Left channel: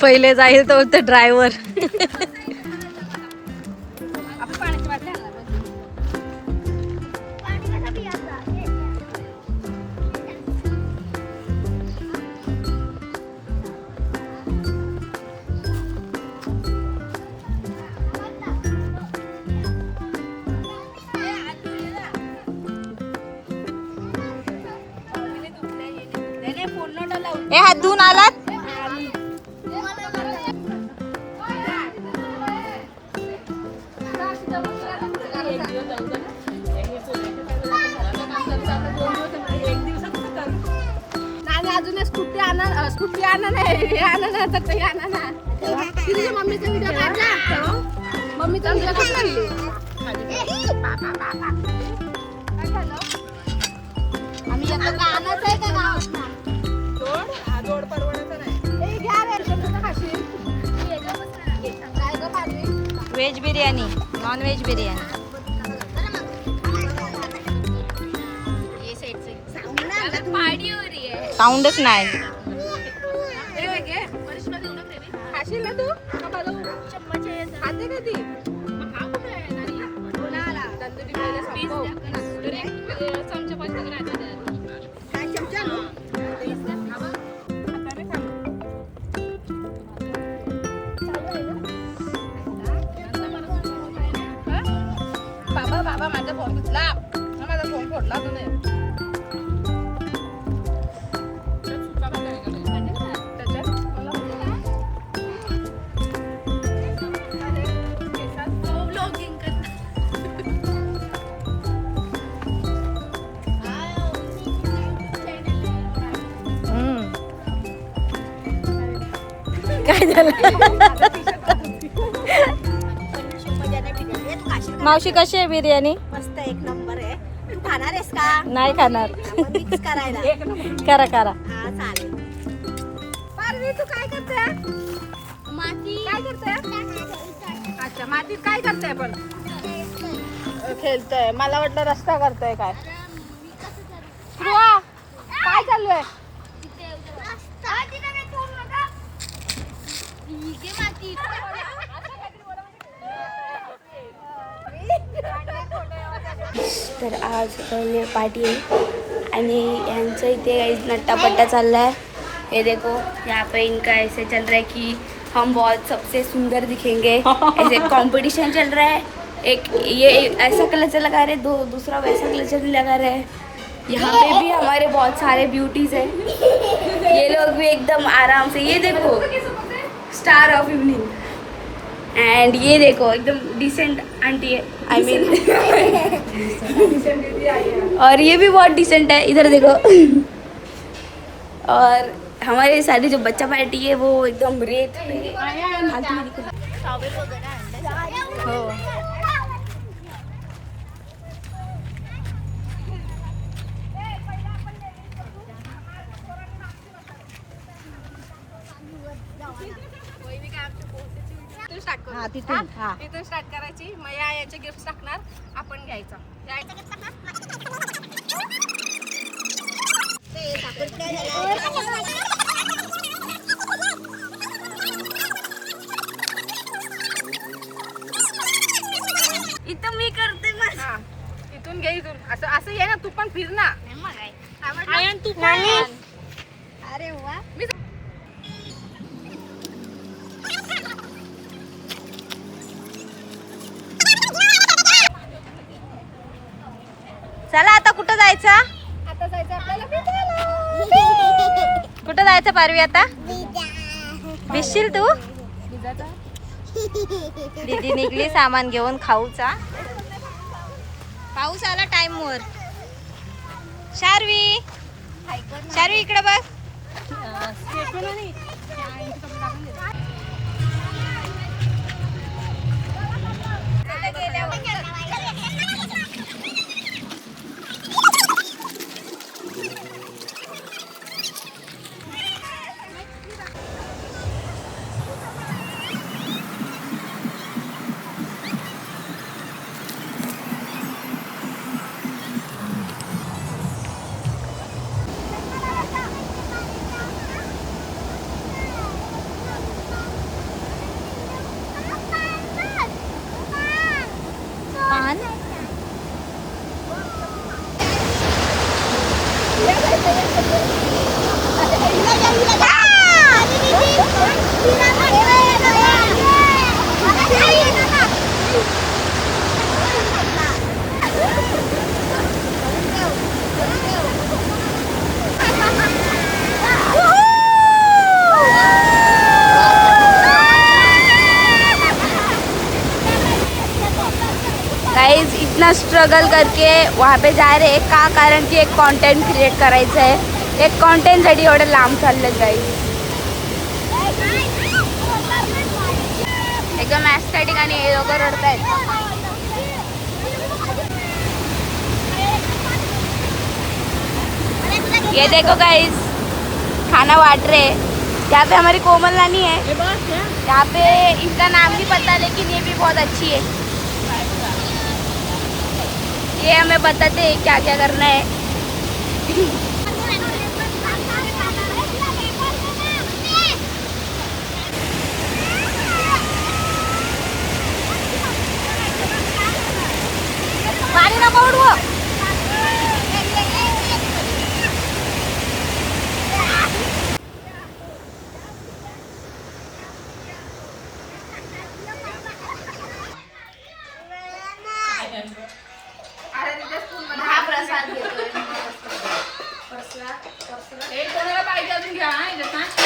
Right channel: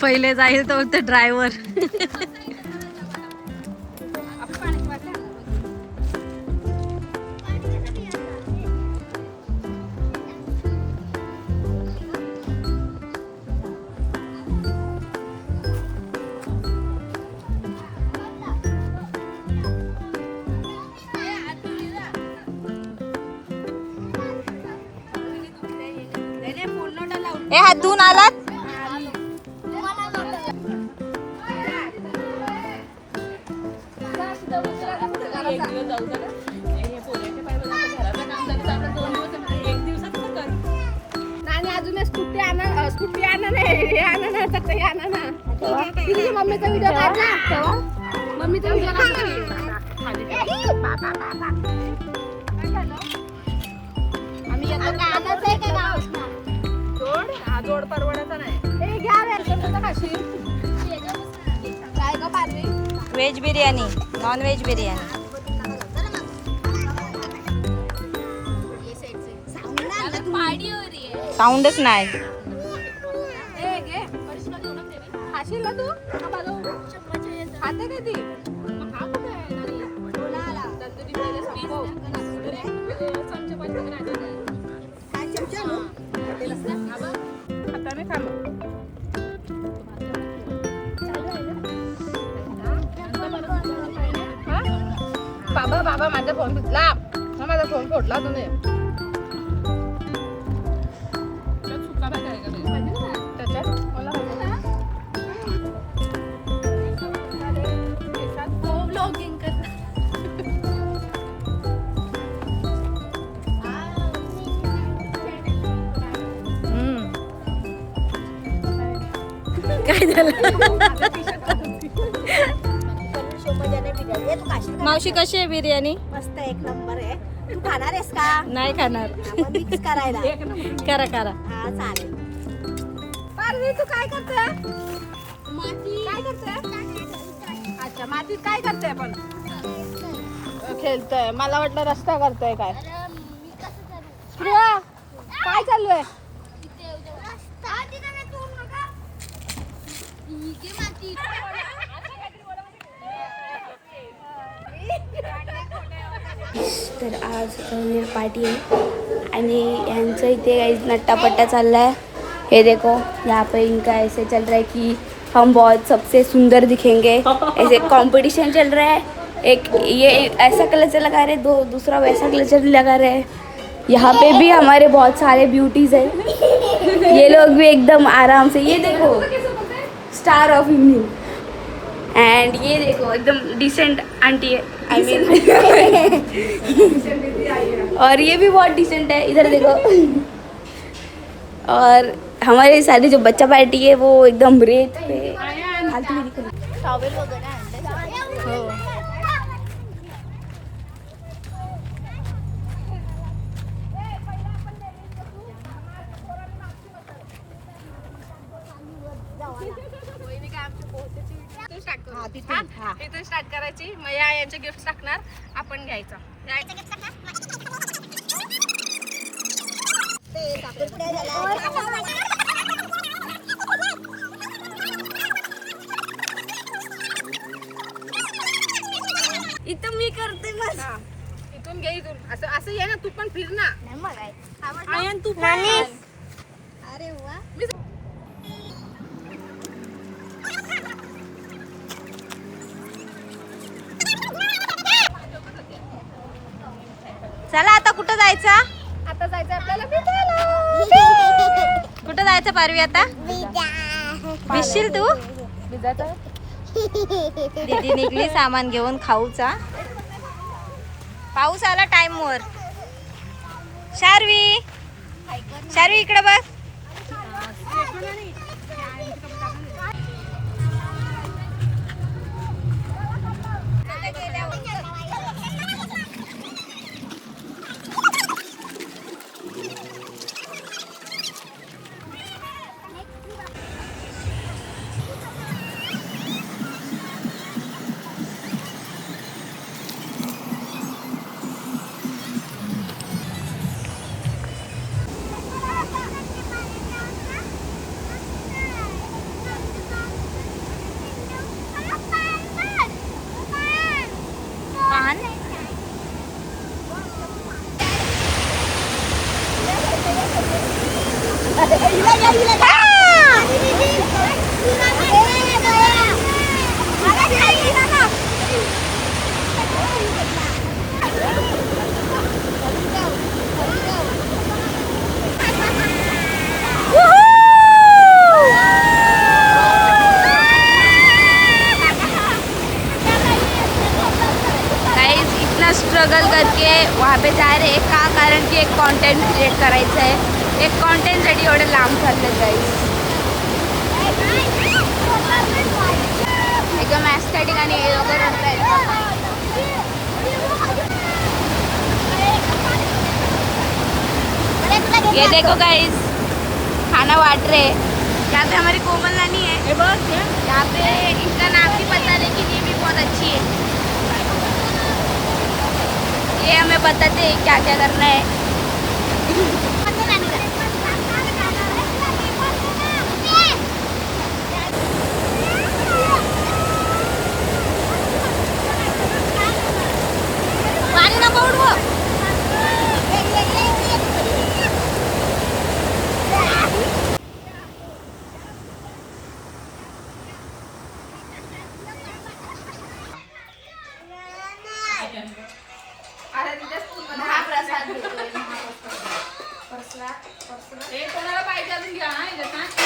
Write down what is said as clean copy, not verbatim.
पहिले जाईल तो ड्रायव्हर. हात धुवून आलात. स्कूटी आणा नाही आणा काही आणा ना. तुझ्या मम्मीचा व्हिडिओ काढला. मम्मीचा व्हिडिओ काढला. आम्ही आता काय आणायचं आहे का गावात? जोड परवडायचा नाही. घ्या रे कोणतं खाशील? Veg biryani, non veg biryani. साऊंडच नाही. खाशील ना तू? खाते कधी? तंदुरी पहिले संपव. चमचा नो? आता मी खालो. बाबा माझा फोन घेतला. माझा फोन फोडला तुम्ही. काय झालं? मावशी कशी आहे बिर्याणी? मस्त एक नंबर आहे. तू खाणार आहेस का? नाही खाणार. मिक्स करायला. करा करा. हा चालेल. पारवी तू काय करते? माती काय करते? अच्छा मातीत काय करते आपण? खेळतोय. मला वाटलं रस्ता करतोय काय. काय चालू आहे? तर आज न्यू पार्टी है आणि यांचं इथे नट्टापट्टा चल रहा है. ये देखो यहाँ पे इनका ऐसे चल रहा है कि हम बहुत सबसे सुंदर दिखेंगे. ऐसे कंपटीशन चल रहा है. एक ये ऐसा कलर लगा रहे, दूसरा वैसा कलर लगा रहे हैं. यहाँ पे भी हमारे बहुत सारे ब्यूटीज हैं. ये लोग भी एकदम आराम से. ये देखो स्टार ऑफ इवनिंग. एंड ये देखो एकदम डिसेंट आंटी, आई मीन और ये भी बहुत डिसेंट है. इधर देखो. और हमारे सारे जो बच्चा पार्टी है वो एकदम रेत पे हो. तिथून स्टार्ट करायची. मग यांचे गिफ्ट टाकणार, आपण घ्यायचं. इथं मी करते मग. इथून घे. इथून असं असं ये ना. तू पण फिर ना. अरे वा. चला आता कुठं जायचं? आता जायचं आपल्याला फिरायला. कुठं जायचं पारवी आता? भिजशील तू? दीदी निघली सामान घेऊन खाऊचा. पाऊस आला टाइम वर. शार्वी, शार्वी इकडे बघ. छान. गाइस इतना स्ट्रगल करके वहाँ पे जा रहे हैं का कारण की एक कंटेंट क्रिएट करायचं आहे. एक कंटेंटसाठी एवढं लांब चाललं गाइस. एकदम ॲस्थेटिक आणि हे लोक रडतायत. ये देखो गाइस खाना बांट रहे हैं. यहाँ पे हमारी कोमल नानी है. यहाँ पे इसका नाम भी पता, लेकिन ये भी बहुत अच्छी है. ये हमें बताते हैं क्या क्या करना है. पानी नको उडवू. कोणाला पाहिजे अजून घ्या.